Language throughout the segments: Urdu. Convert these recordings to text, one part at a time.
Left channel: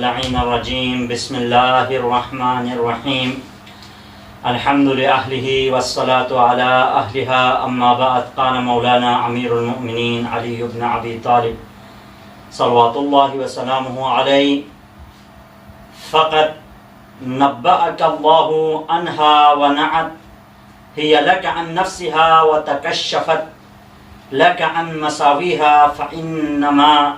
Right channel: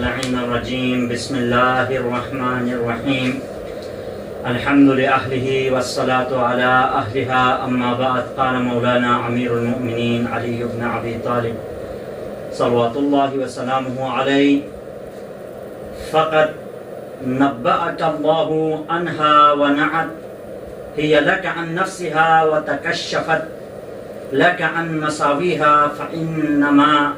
اللعين الرجيم بسم الله الرحمن الرحيم الحمد لأهله والصلاة على أهلها أما بعد قال مولانا أمير المؤمنين علي بن أبي طالب صلوات الله وسلامه عليه فقد نبأك الله عنها ونعت هي لك عن نفسها وتكشفت لك عن مساويها فإنما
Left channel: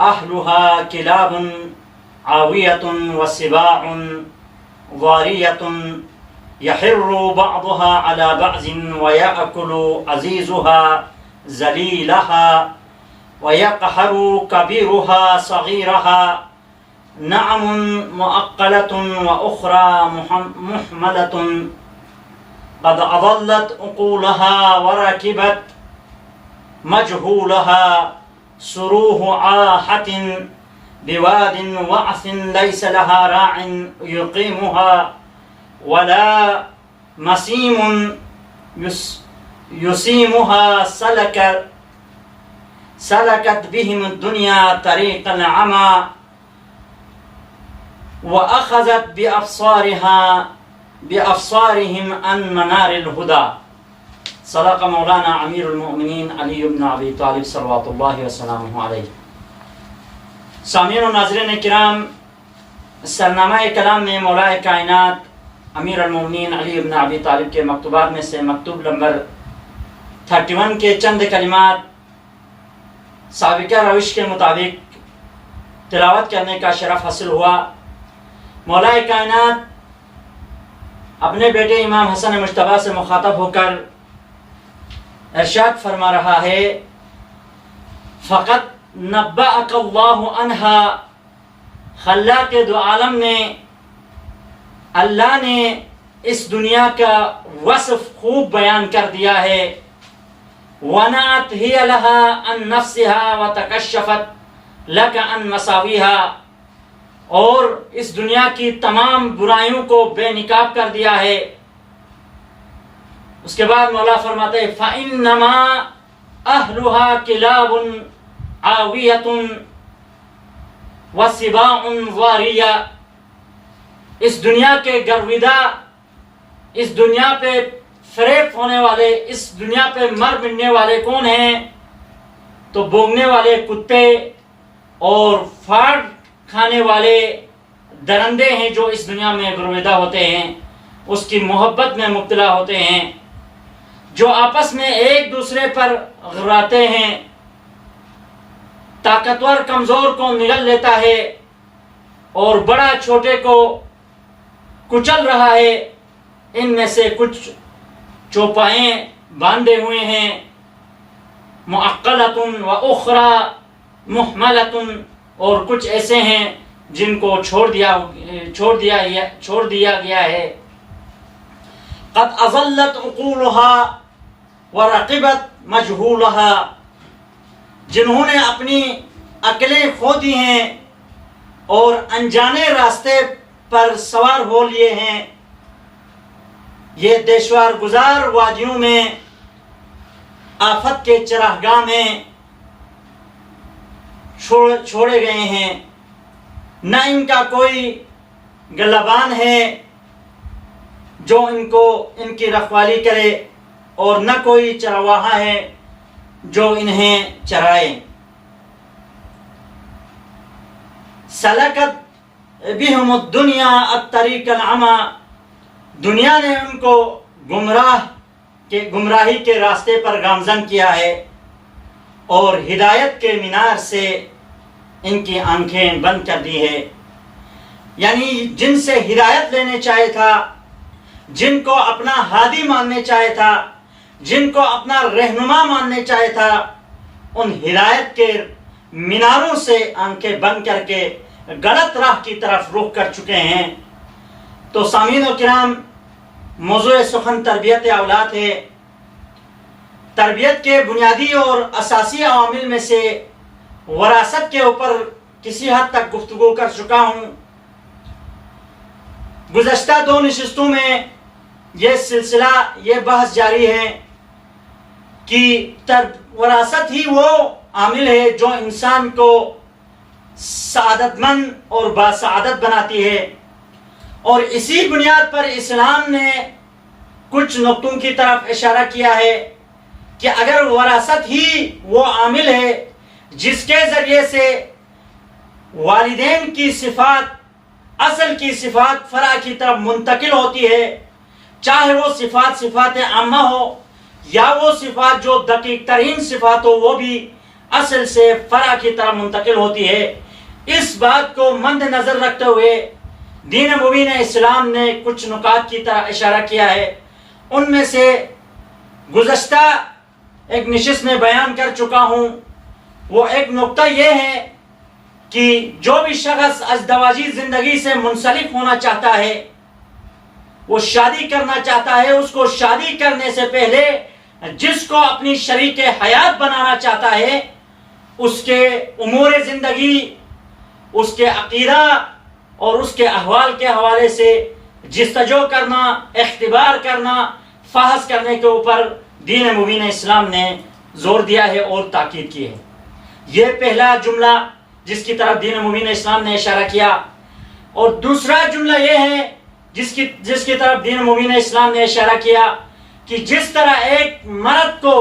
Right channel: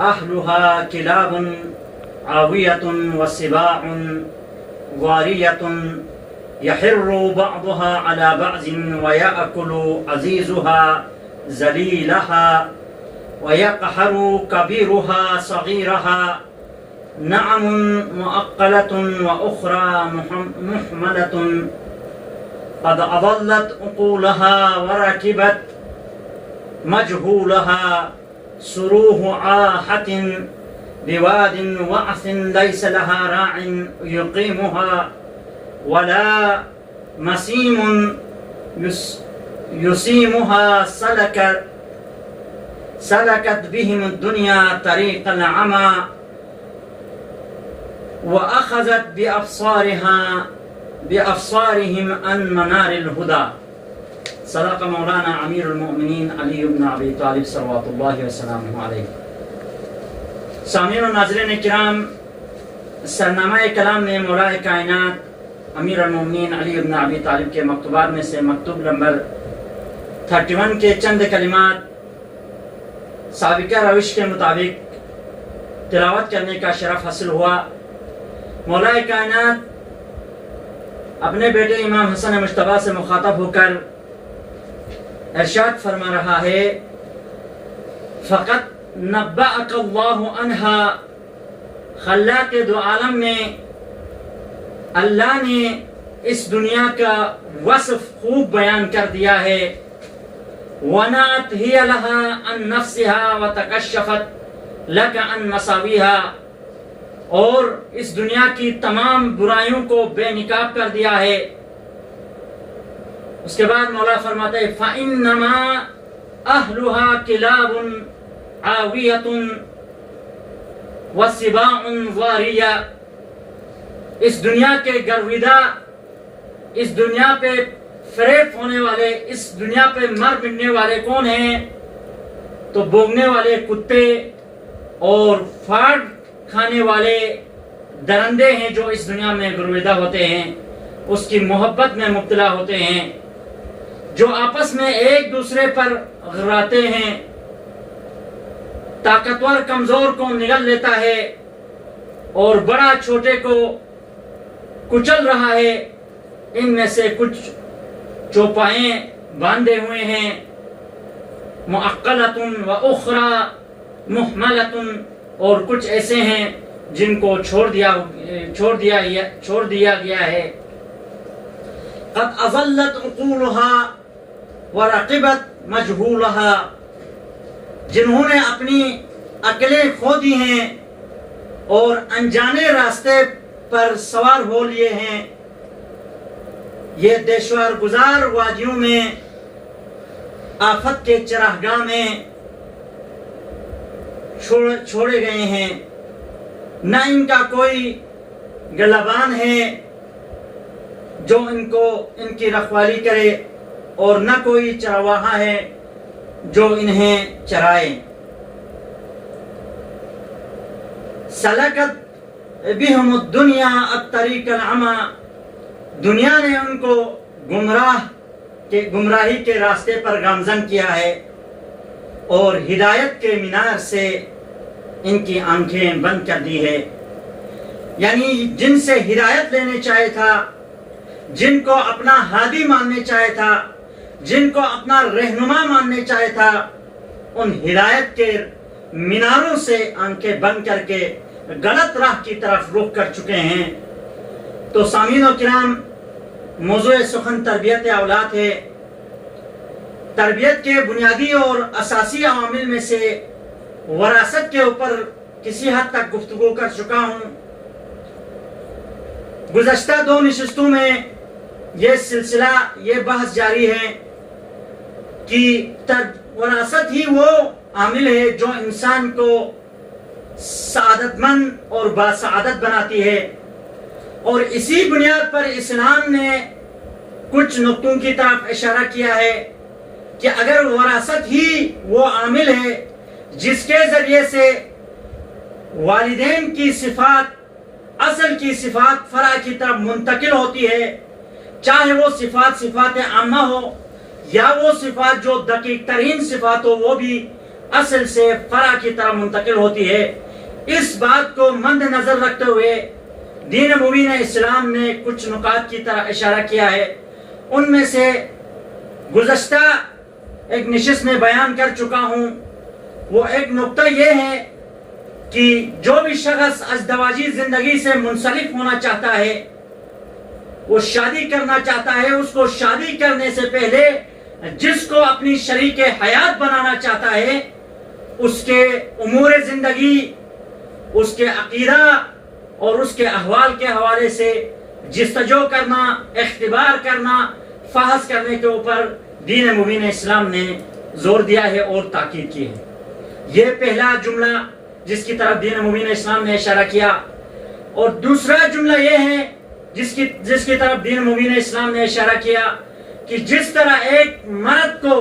أهلها كلاب عاوية وسباع ضارية يحر بعضها على بعض ويأكل عزيزها ذليلها ويقهر كبيرها صغيرها نعم مؤقلة وأخرى محملة قد أضلت عقولها وركبت مجهولها سروه عاحة بواد وعث ليس لها راع يقيمها ولا مسيم يسيمها سلكت بهم الدنيا طريق العمى وأخذت بأبصارهم عن منار الهدى. صدق مولانا امیر المؤمنین علی بن ابی طالب صلوات اللہ وسلامہ علیہ. سامعین و ناظرین کرام، سرنامہ کلام میں مولا کائنات امیر المؤمنین علی بن ابی طالب کے مکتوبات میں سے مکتوب نمبر 31 کے چند کلمات سابقہ روش کے مطابق تلاوت کرنے کا شرف حاصل ہوا. مولا کائنات اپنے بیٹے امام حسن مجتبیٰ سے مخاطب ہو کر ارشاد فرما رہا ہے، فقط نبأک اللہ عنہا، خلاق دو عالم نے، اللہ نے اس دنیا کا وصف خوب بیان کر دیا ہے. ونعت ہی لہا عن نفسہا وتکشفت لک عن مساویہا، اور اس دنیا کی تمام برائیوں کو بے نقاب کر دیا ہے. اس کے بعد مولا فرماتے ہیں فَإِنَّمَا أَهْلُهَا كِلَابٌ عَاوِيَةٌ وَسِبَاعٌ ضَارِيَةٌ. اس دنیا کے گرویدہ، اس دنیا پہ فریب ہونے والے، اس دنیا پہ مر مٹنے والے کون ہیں؟ تو بونگنے والے کتے اور پھاڑ کھانے والے درندے ہیں جو اس دنیا میں گرویدہ ہوتے ہیں، اس کی محبت میں مبتلا ہوتے ہیں، جو آپس میں ایک دوسرے پر غراتے ہیں. طاقتور کمزور کو نگل لیتا ہے اور بڑا چھوٹے کو کچل رہا ہے. ان میں سے کچھ چوپائیں باندھے ہوئے ہیں، مؤقلۃ و اخری محملۃ، اور کچھ ایسے ہیں جن کو چھوڑ دیا گیا ہے. قد اضلت عقولها ورقبت مجهولها، جنہوں نے اپنی عقلیں کھو دی ہیں اور انجانے راستے پر سوار ہو لیے ہیں. یہ دیشوار گزار وادیوں میں آفت کے چراگاہ میں چھوڑے گئے ہیں. نہ ان کا کوئی گلبان ہے جو ان کی رکھوالی کرے، اور نہ کوئی چرواہا ہے جو انہیں چرائے. سلکت بہم الدنیا الطریق العمی، دنیا نے ان کو گمراہی کے راستے پر گامزن کیا ہے اور ہدایت کے مینار سے ان کی آنکھیں بند کر دی ہے. یعنی جن سے ہدایت لینے چاہے تھا، جن کو اپنا ہادی ماننے چاہے تھا، جن کو اپنا رہنما ماننے چاہے تھا، ان ہدایت کے میناروں سے آنکھیں بند کر کے غلط راہ کی طرف رخ کر چکے ہیں. تو سامعین و کرام، موضوع سخن تربیت اولاد ہے. تربیت کے بنیادی اور اساسی عوامل میں سے وراثت کے اوپر کسی حد تک گفتگو کر چکا ہوں. گزشتہ 2 نشستوں میں یہ سلسلہ، یہ بحث جاری ہے کہ وراثت ہی وہ عامل ہے جو انسان کو سعادت مند اور باسعادت بناتی ہے۔ اور اسی بنیاد پر اسلام نے کچھ نقطوں کی طرف اشارہ کیا ہے کہ اگر وراثت ہی وہ عامل ہے جس کے ذریعے سے والدین کی صفات، اصل کی صفات فرع کی طرف منتقل ہوتی ہے، چاہے وہ صفات عامہ ہو یا وہ صفات جو دقیق ترین صفات ہو، وہ بھی اصل سے فرع کی طرف منتقل ہوتی ہے، اس بات کو مد نظر رکھتے ہوئے دین مبین اسلام نے کچھ نکات کی طرح اشارہ کیا ہے۔ ان میں سے گزشتہ ایک نشست میں بیان کر چکا ہوں، وہ ایک نقطہ یہ ہے کہ جو بھی شخص ازدواجی زندگی سے منسلک ہونا چاہتا ہے، وہ شادی کرنا چاہتا ہے، اس کو شادی کرنے سے پہلے جس کو اپنی شریک حیات بنانا چاہتا ہے، اس کے امور زندگی، اس کے عقیدہ اور اس کے احوال کے حوالے سے جستجو کرنا، اختبار کرنا، فحص کرنے کے اوپر دین مبین اسلام نے زور دیا ہے اور تاکید کی ہے۔ یہ پہلا جملہ جس کی طرف دین مبین اسلام نے اشارہ کیا، اور دوسرا جملہ یہ ہے جس کی طرف دین مبین اسلام نے اشارہ کیا کہ جس طرح ایک مرد کو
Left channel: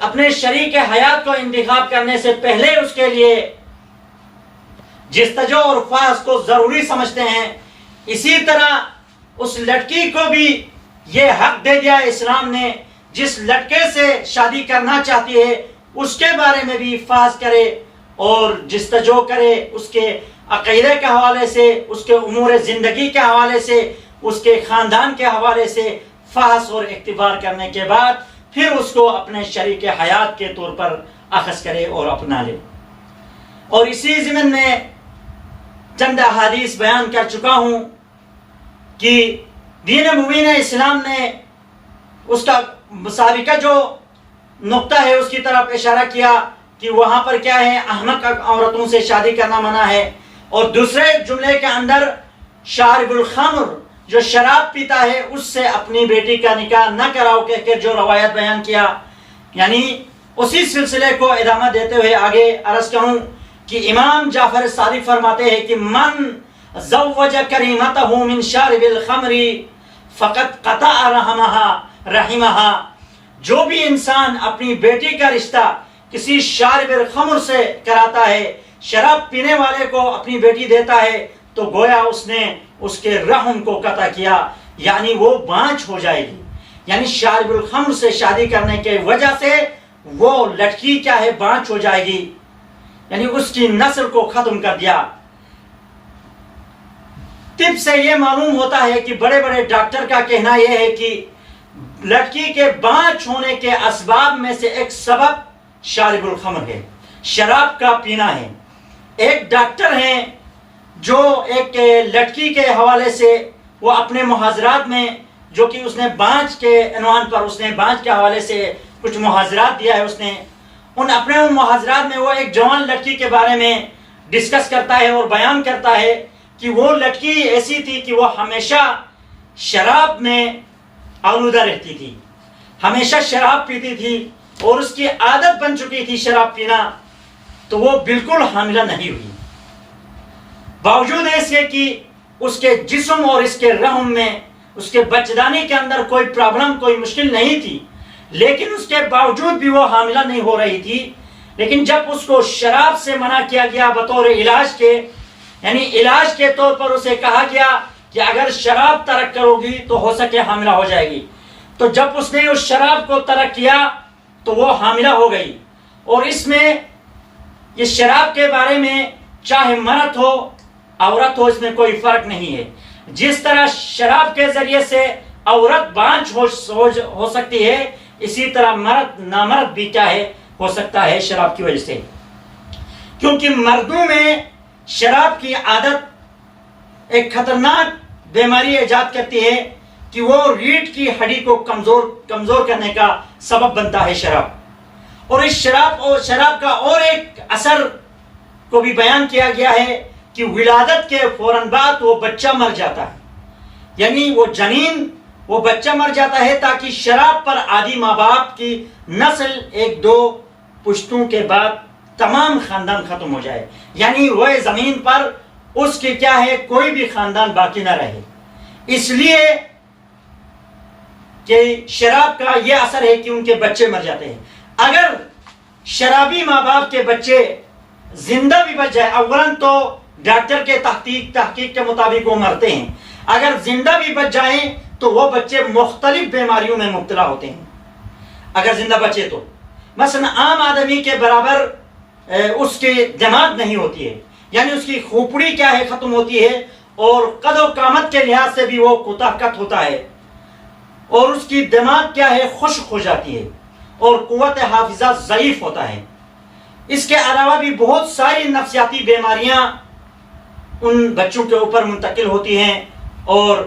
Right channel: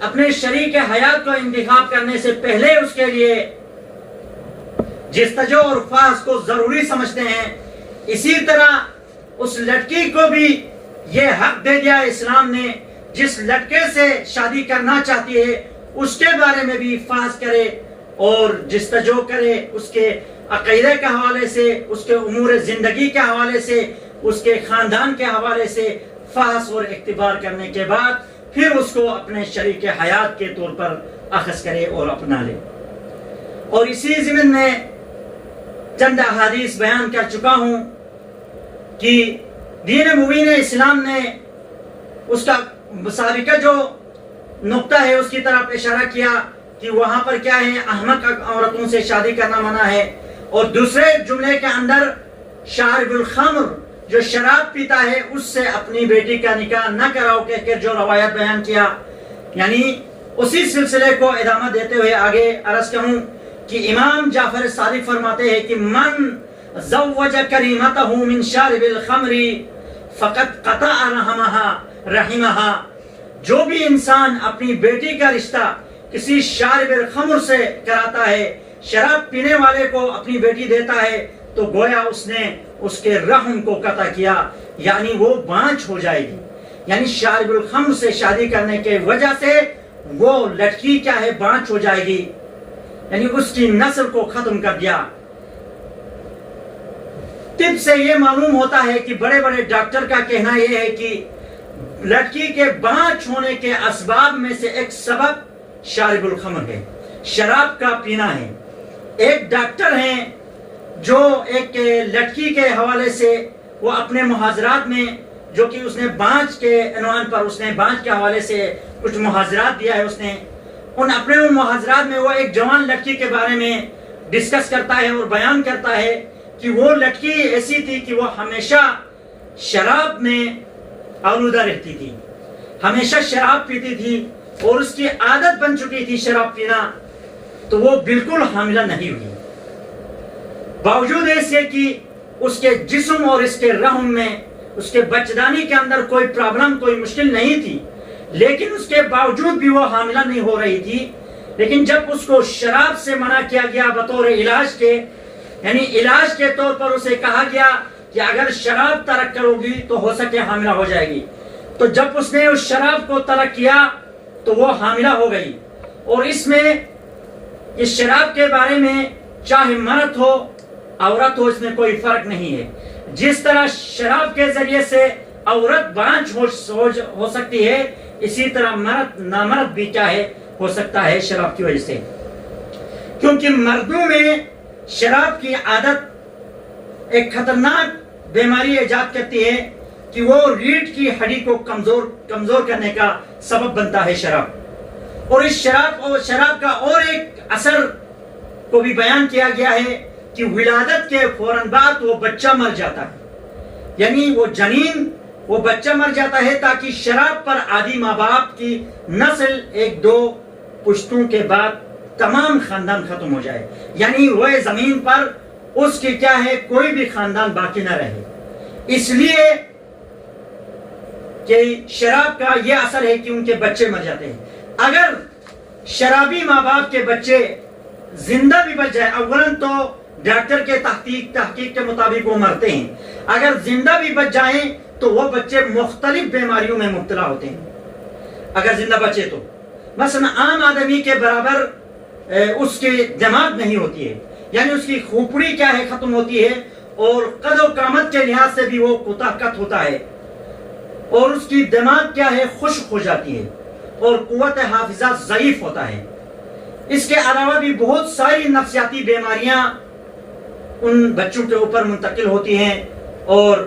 اپنے شریک حیات کو انتخاب کرنے سے پہلے اس کے لیے جستجو اور فحص کو ضروری سمجھتے ہیں، اسی طرح اس لڑکی کو بھی یہ حق دے دیا اسلام نے، جس لڑکے سے شادی کرنا چاہتی ہے اس کے بارے میں بھی فحص کرے اور جستجو کرے، اس کے عقیدے کے حوالے سے، اس کے امور زندگی کے حوالے سے، اس کے خاندان کے حوالے سے فحص اور اختبار کرنے کے بعد پھر اس کو اپنے شریک حیات کے طور پر اخذ کرے اور اپنا لے۔ اور اسی ضمن میں چند احادیث بیان کر چکا ہوں کہ دین مبین اسلام نے اس کا سابقہ جو نقطہ ہے اس کی طرف اشارہ کیا کہ وہاں پر کیا ہے، احمق عورتوں سے شادی کرنا منع ہے، اور دوسرے جملے کے اندر شارب الخمر، جو شراب پیتا ہے، اس سے اپنی بیٹی کا نکاح نہ کراؤ کہہ کر جو روایت بیان کیا، یعنی اسی سلسلے کو ادامہ دیتے ہوئے آگے عرض کروں کہ امام جعفر صادق فرماتے ہیں کہ من زوج کریمتہ من شارب الخمر فقط قطع رحمہا، جو بھی انسان اپنی بیٹی کا رشتہ کسی شارب الخمر سے کراتا ہے، شراب پینے والے کو اپنی بیٹی دیتا ہے، تو گویا اس نے اس کے رحم کو قطع کیا، یعنی وہ بانجھ ہو جائے گی۔ یعنی شارب الخمر سے شادی کرنے کے وجہ سے وہ لڑکی کیا ہے، بانجھ ہو جائے گی، یعنی اس کی نسل کو ختم کر دیا۔ طب سے یہ معلوم ہوتا ہے کہ بڑے بڑے ڈاکٹر کا کہنا یہ ہے کہ لڑکی کے بانجھ ہونے کے اسباب میں سے ایک سبب شارب الخمر ہے، شراب کا پینا ہے۔ ایک ڈاکٹر ہیں جو ایک لڑکی کے حوالے سے وہ اپنے محاضرات میں، جو کہ اس نے بانجھ کے عنوان پر، اس نے بانجھ کے حوالے سے کچھ محاضرات دیا ہے، اس نے اپنے محاضرات میں وہ ایک جوان لڑکی کے بارے میں ڈسکس کرتا ہے اور بیان کرتا ہے کہ وہ لڑکی ایسی تھی کہ وہ ہمیشہ شراب میں آلودہ رہتی تھی، ہمیشہ شراب پیتی تھی اور اس کی عادت بن چکی تھی شراب پینا، تو وہ بالکل حاملہ نہیں ہوئی، باوجود اس کے کہ اس کے جسم اور اس کے رحم میں، اس کے بچدانی کے اندر کوئی پرابلم، کوئی مشکل نہیں تھی، لیکن اس کے باوجود بھی وہ حاملہ نہیں ہو رہی تھی۔ لیکن جب اس کو شراب سے منع کیا گیا بطور علاج کے، یعنی علاج کے طور پر اسے کہا گیا کہ اگر شراب ترک کرو گی تو ہو سکے حاملہ ہو جائے گی، تو جب اس نے اس شراب کو ترک کیا تو وہ حاملہ ہو گئی۔ اور اس میں یہ شراب کے بارے میں چاہے مرد ہو عورت ہو، اس میں کوئی فرق نہیں ہے۔ جس طرح شراب کے ذریعے سے عورت بانجھ ہو سکتی ہے، اسی طرح مرد نامرد بھی کیا ہے، ہو سکتا ہے شراب کی وجہ سے، کیونکہ مردوں میں شراب کی عادت ایک خطرناک بیماری ایجاد کرتی ہے کہ وہ ریڑھ کی ہڈی کو کمزور کرنے کا سبب بنتا ہے شراب۔ اور اس شراب کا اور ایک اثر کو بھی بیان کیا گیا ہے کہ ولادت کے فوراً بعد وہ بچہ مر جاتا ہے، یعنی وہ جنین، وہ بچہ مر جاتا ہے تاکہ شراب پر عادی ماں باپ کی نسل ایک دو پشتوں کے بعد تمام خاندان ختم ہو جائے، یعنی وہ زمین پر اس کی کیا ہے کوئی بھی خاندان باقی نہ رہے. اس لیے کہ شراب کا یہ اثر ہے کہ ان کے بچے مر جاتے ہیں. اگر شرابی ماں باپ کے بچے زندہ بھی بچ جائے، اولاً تو ڈاکٹر کے تحقیق کے مطابق وہ مرتے ہیں، اگر زندہ بھی بچ جائیں تو وہ بچے مختلف بیماریوں میں مبتلا ہوتے ہیں اگر زندہ بچے تو. مثلا عام آدمی کے برابر اس کے دماغ نہیں ہوتی ہے، یعنی اس کی کھوپڑی کیا ہے ختم ہوتی ہے، اور قد و قامت کے لحاظ سے بھی وہ کوتاہ قد ہوتا ہے، اور اس کی دماغ کیا ہے خشک ہو جاتی ہے، اور قوت حافظہ ضعیف ہوتا ہے. اس کے علاوہ بھی بہت ساری نفسیاتی بیماریاں ان بچوں کے اوپر منتقل ہوتی ہیں، اور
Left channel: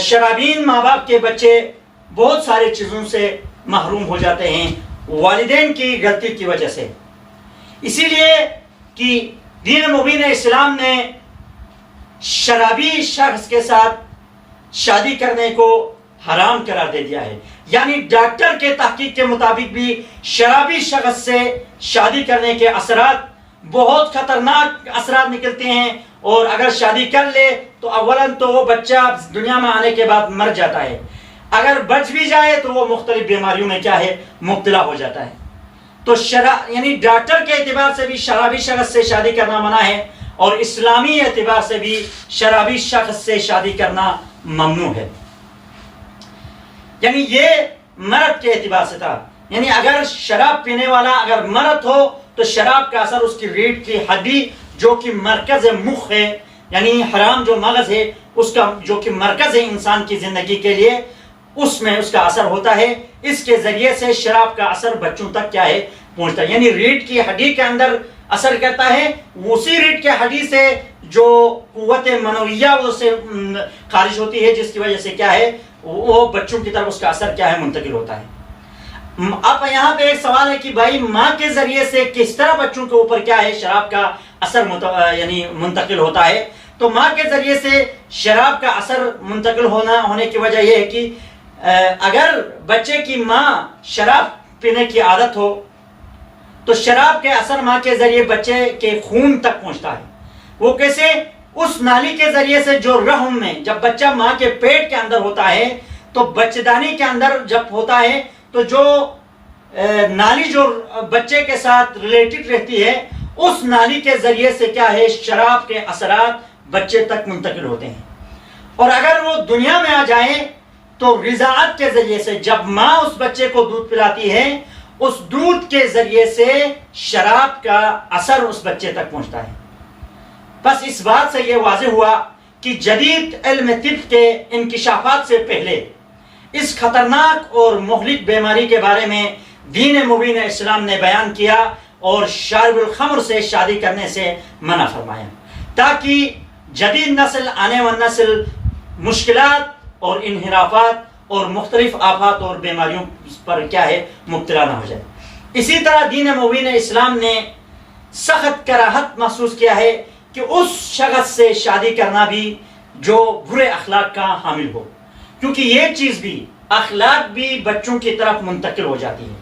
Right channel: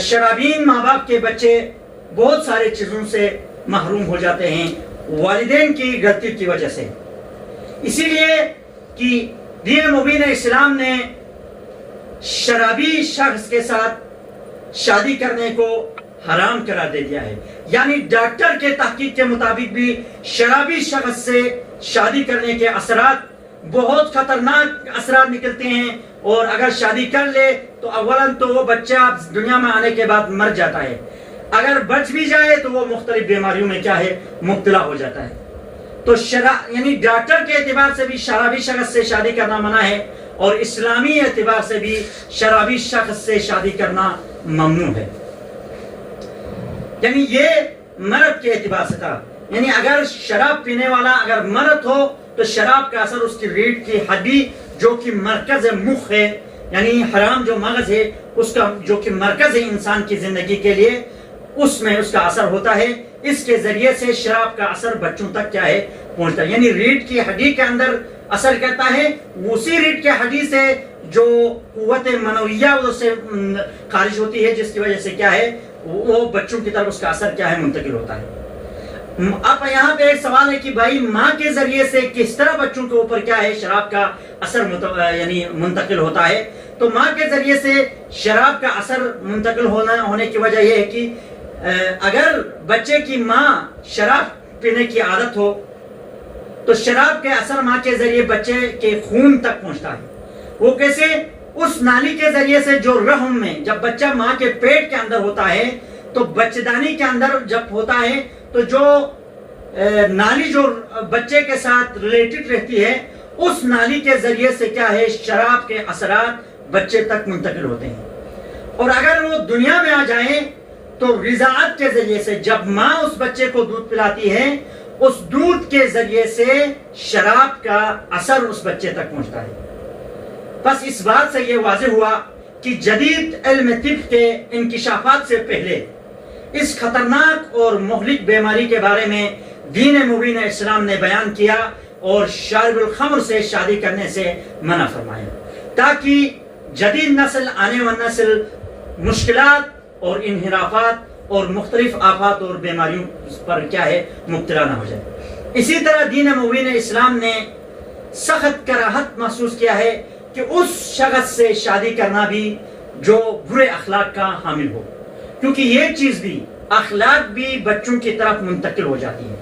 شرابین ماں باپ کے بچے بہت سارے چیزوں سے محروم ہو جاتے ہیں والدین کی غلطی کی وجہ سے. اسی لیے کہ دین مبین اسلام نے شرابی شخص کے ساتھ شادی کرنے کو حرام قرار دے دیا ہے. یعنی ڈاکٹر کے تحقیق کے مطابق بھی شرابی شخص سے شادی کرنے کے اثرات بہت خطرناک اثرات نکلتے ہیں، اور اگر شادی کر لے تو اولاً تو وہ بچہ دنیا میں آنے کے بعد مر جاتا ہے، اگر بچ بھی جائے تو وہ مختلف بیماریوں میں کیا ہے مبتلا ہو جاتا ہے. تو یعنی ڈاکٹر کے اعتبار سے بھی شرابی شخص سے شادی کرنا منع ہے، اور اسلامی اعتبار سے بھی شرابی شخص سے شادی کرنا ممنوع ہے. یعنی یہ مرد کے اعتبار سے تھا، یعنی اگر شراب پینے والا اگر مرد ہو تو شراب کا اثر اس کی ریڑھ کی ہڈی جو کہ مرکز مخ ہے، یعنی حرام جو مغز ہے اس کا جو کہ مرکز ہے انسان کی زندگی کے لیے، اس میں اس کا اثر ہوتا ہے. اس کے ذریعے سے شراب کا اثر بچوں تک کیا ہے پہنچتا ہے، یعنی ریڑھ کی ہڈی کے اندر اثر کرتا ہے. اسی ریڑھ کی ہڈی سے جو قوت منویہ سے خارج ہوتی ہے، جس کی وجہ سے کیا ہے وہ بچوں کی طرف اس کا اثر کیا ہے منتقل ہوتا ہے. اب یہاں پہ ایک سوال ہے کہ بھائی ماں کے ذریعے سے کس طرح بچوں کے اوپر کیا ہے شراب کا اثر یعنی منتقل ہوتا ہے. تو ماں کے ذریعے سے شراب کا اثر منتقل ہونے کی وجہ یہ ہے کہ اگر بچے کی ماں شراب پینے کی عادت ہو تو شراب کے اثر ماں کے ذریعے بچے کے خون تک پہنچتا ہے. وہ کیسے؟ اس نالی کے ذریعے سے جو رحم میں جب بچہ ماں کے پیٹ کے اندر ہوتا ہے تو بچدانی کے اندر جب ہوتا ہے تو جو نالی جو بچے کے ساتھ ریلیٹڈ رہتی ہے اس نالی کے ذریعے سے کیا ہے شراب کے اثرات بچے تک منتقل ہوتے ہیں. اور اگر وہ دنیا میں آ جائیں تو رضاعت کے ذریعے سے جب ماں اس بچے کو دودھ پلاتی ہے اس دودھ کے ذریعے سے شراب کا اثر اس بچے تک پہنچتا ہے. بس اس بات سے یہ واضح ہوا کہ جدید علم طب کے انکشافات سے پہلے اس خطرناک اور مہلک بیماری کے بارے میں دین مبین اسلام نے بیان کیا اور شارب الخمر سے شادی کرنے سے منع فرمایا، تاکہ جدید نسل آنے والی نسل مشکلات اور انحرافات اور مختلف آفات اور بیماریوں پر کیا ہے مبتلا نہ ہو جائے. اسی طرح دین مبین اسلام نے سخت کراہت محسوس کیا ہے کہ اس شخص سے شادی کرنا بھی جو برے اخلاق کا حامل ہو، کیونکہ یہ چیز بھی اخلاق بھی بچوں کی طرف منتقل ہو جاتی ہے.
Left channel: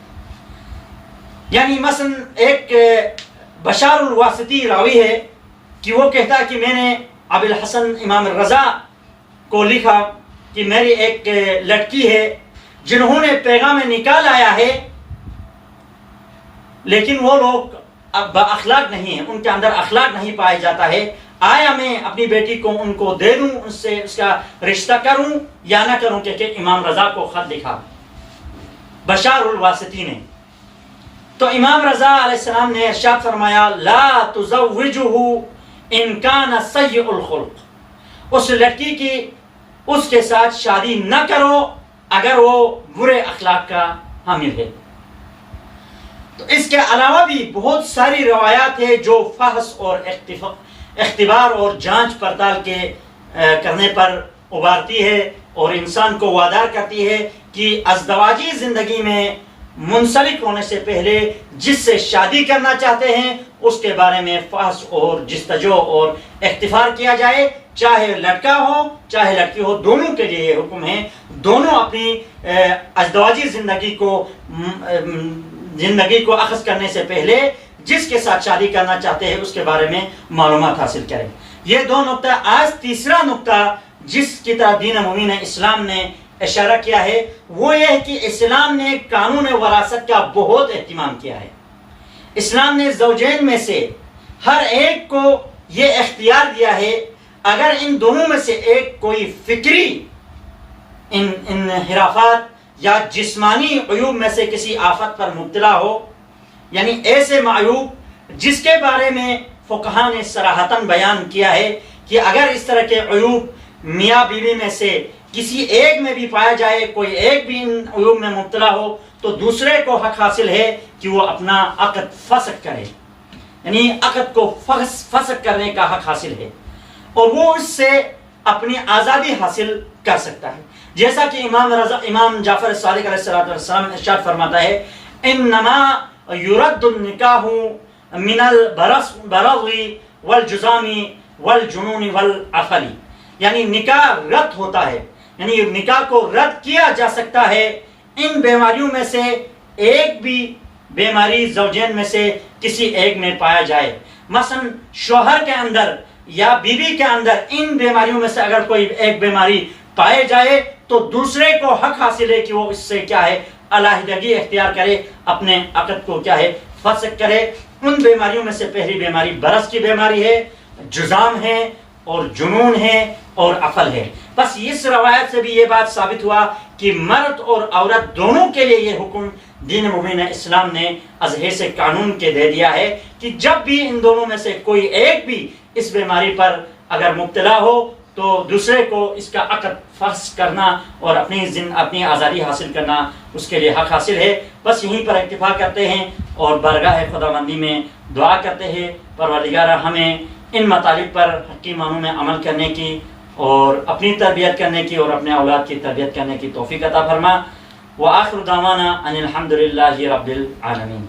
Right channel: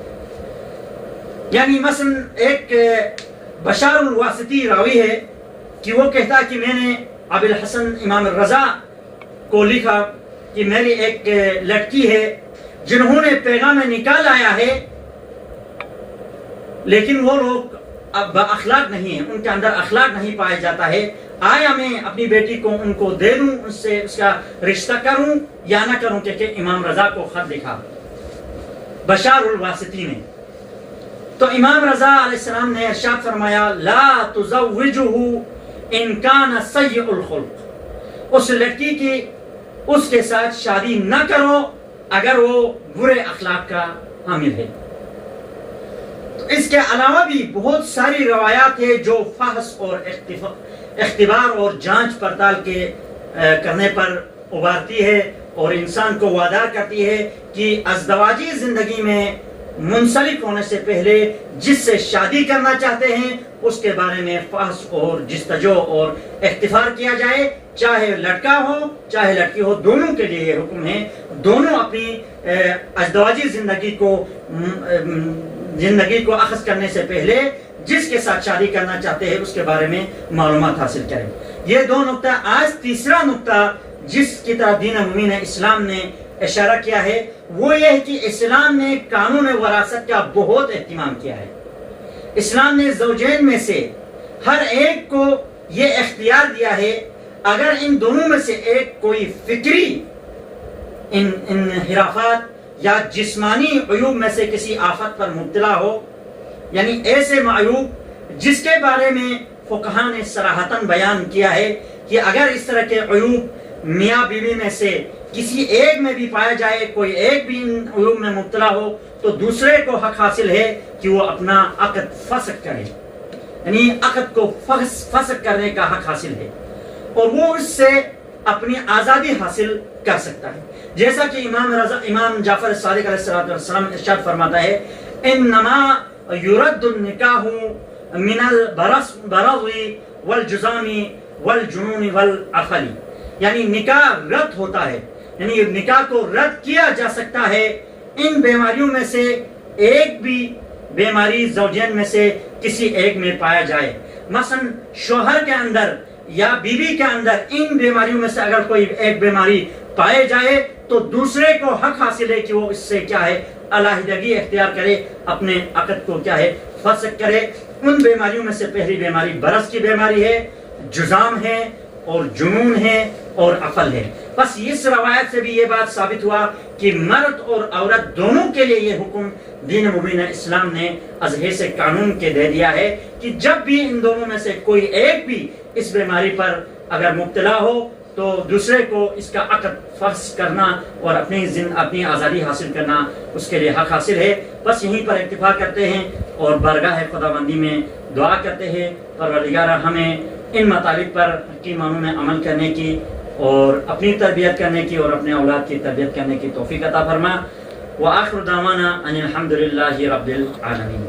یعنی مثلا ایک بشار الواسطی راوی ہے کہ وہ کہتا کہ میں نے ابو الحسن امام الرضا کو لکھا کہ میری ایک لڑکی ہے جنہوں نے پیغام نکاح لایا ہے لیکن وہ لوگ با اخلاق نہیں ہیں، ان کے اندر اخلاق نہیں پایا جاتا ہے، آیا میں اپنی بیٹی کو ان کو دے دوں، ان سے اس کا رشتہ کروں یا نہ کروں، کہ امام رضا کو خط لکھا بشار الواسطی نے. تو امام رضا علیہ السلام نے ارشاد فرمایا لا تزوجہ ان کان سیء الخلق، اس لڑکی کی اس کے ساتھ شادی نہ کرو اگر وہ برے اخلاق کا حامل ہے. تو اس کے علاوہ بھی بہت ساری روایات ہیں جو فحص اور اختبار اور جانچ پڑتال کے کرنے پر ابھارتی ہے اور انسان کو وادار کرتی ہے کہ ازدواجی زندگی میں منسلک ہونے سے پہلے جس سے شادی کرنا چاہتے ہیں اس کے بارے میں فحص اور جستجو اور اختبار کیا جائے، چاہے لڑکا ہو چاہے لڑکی ہو، دونوں کے لیے یہ حکم ہے. دونوں اپنی ازدواجی زندگی کو اخذ کرنے سے پہلے جس کے ساتھ شادی کرنا چاہتے ہیں اس کے بارے میں معلومات حاصل کریں۔ یہ دو نقطہ۔ آج تیسرا نقطہ جس کی طرف دین مبین اسلام نے اشارہ کیا ہے وہ یہ ہے کہ اسلام نے قانون وراثت کا بہت اہتمام کیا ہے۔ اسلام نے زوجین میں سے ہر ایک کو یہ اختیار دیا ہے، اگر ان دونوں میں سے ایک کوئی فکری انحرافات یا جسمانی عیوب میں سے کسی آفت پر مبتلا ہو، یعنی ایسے معیوب جس کے بارے میں فقہاء نے صراحتاً بیان کیا ہے کہ اگر اس طرح کے عیوب میاں بیوی میں سے کسی ایک میں بھی پایا جائے، کوئی ایک بھی ان عیوب میں مبتلا ہو، تو دوسرے کو حق حاصل ہے کہ وہ اپنا عقد فسخ کرے، یعنی عقد کو فسخ کرنے کا حق حاصل ہے اور وہ اس سے اپنی آزادی حاصل کر سکتا ہے۔ جیسا کہ امام جعفر صادق علیہ السلام ارشاد فرماتا ہے انما یرد النکاح من البرص والجزام والجنون والعقل، یعنی نکاح رد ہوتا ہے، یعنی نکاح کو رد کیا جا سکتا ہے ان بیماریوں میں سے ایک بھی بیماری زوجین میں سے کسی ایک میں پایا جائے۔ مثلا شوہر کے اندر یا بیوی کے اندر ان بیماریوں میں سے اگر کوئی ایک بیماری پائے جائے تو دوسرے کو حق حاصل ہے کہ وہ اس سے کیا ہے علیحدگی اختیار کرے، اپنے عقد کو کیا ہے فسخ کرے۔ ان بیماریوں میں سے پہلی بیماری برس کی بیماری ہے، جزام ہے اور جنون ہے اور عقل ہے۔ بس اس روایت سے بھی یہ بات ثابت ہوا کہ مرد اور عورت دونوں کے لیے یہ حکم دین مبین اسلام نے از حیث قانون کے دے دیا ہے کہ جب بھی ان دونوں میں سے کوئی ایک بھی اس بیماری پر اگر مبتلا ہو تو دوسرے کو اس کا عقد فسخ کرنا اور اپنی آزادی حاصل کرنا اس کے لیے حق حاصل ہے۔ بس یہیں پر اکتفا کرتے ہیں اور بارگاہ خداوندی میں دعا کرتے ہیں پروردگار ہمیں ان مطالب پر حقیقی معنوں میں عمل کرنے کی اور اپنی تربیت کرنے کی اور اپنے اولاد کی تربیت کرنے کی توفیق عطا فرما۔ وآخر دعوانا ان الحمد للہ رب العالمین۔